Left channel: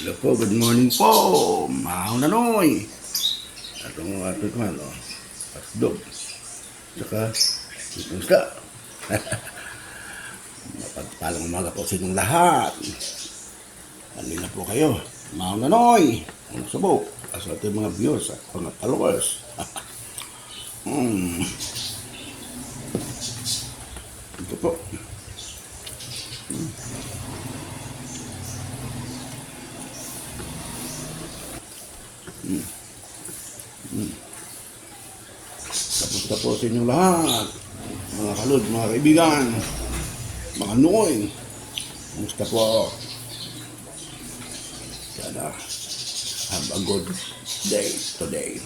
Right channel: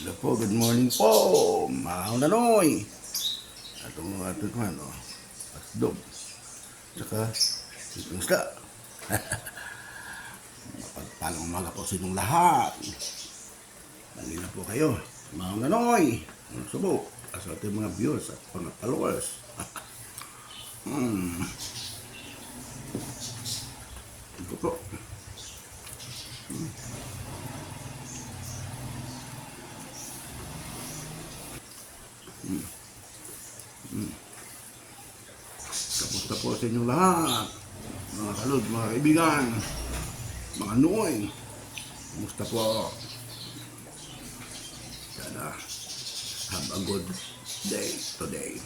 Hello po, good morning po. Mahang nanoy. Atong atot man, Asdog. Tsaka, itong isda. Mapagpalang umaga po sa inyong lahat. Alin na po kayo. Mahang nanoy. Ang subo. Sa ating mga viewers at mga followers. Ito po. Kamusta po sa inyong lahat. Mga kalod, mga kaibigan. Mga noy. Kamusta po? Sana have a good day today.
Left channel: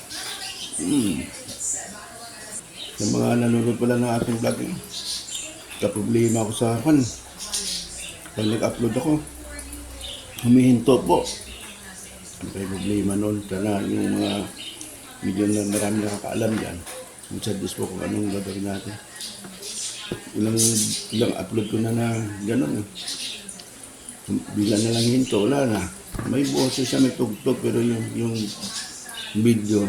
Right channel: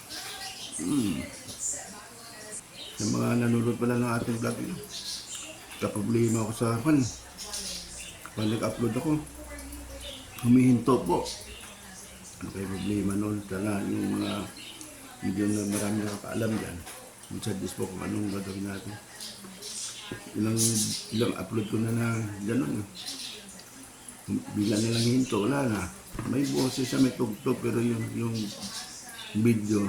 Sa mga nanonood pala ng ating vlog, problema ako sa pag nag-upload ako, humihinto po. Ano kayo problema nun? Sana yung mga video na marami nakakaalam yan, mag-suggest po kung anong gagawin natin. Ilang upload ko na gano'n. Bigla na lang hinto, wala na. May boses siya, may tugtog, pero yung video,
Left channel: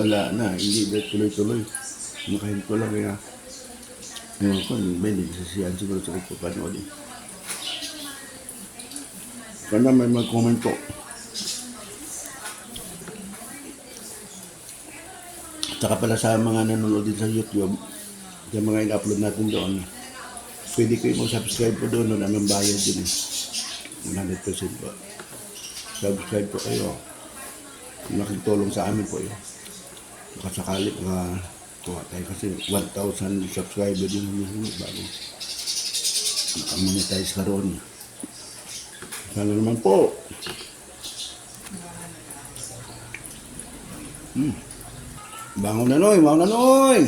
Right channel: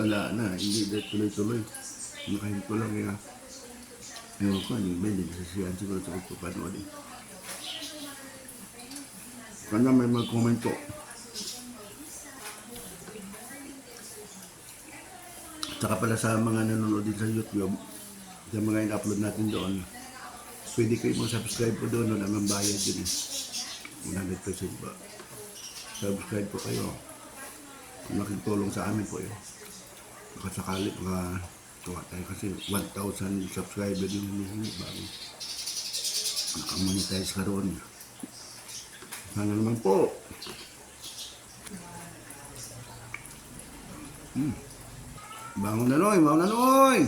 wala na. Hindi na tuloy-tuloy. Nakahinto lang kaya. Ngayon ko, may nagsasiyan siguro sa pagpapanood. Sana may mag-comment po. Tsaka pala sa mga nanonood din sa YouTube, sa mga in-upload natin doon, pwede kayo mag-subscribe po doon, anong bayad din eh. 100% po. Subscribe po kayo. Nakitulong sa amin po yun. Nakasakali kuha tayo kasi 1,000 subscriber din yung bago nakamonetize na roon. Sana naman po. Bangon na noy, bangon na noy.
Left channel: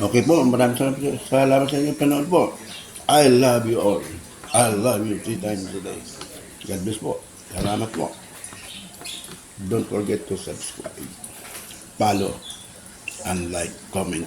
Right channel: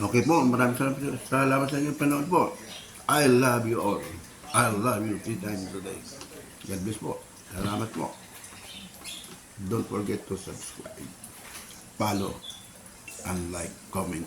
Okay po, maraming salamat sa inyong panood po. I love you all. I love you 3 times a day. God bless po. Salamat po. Don't forget to subscribe, follow, and like, comment.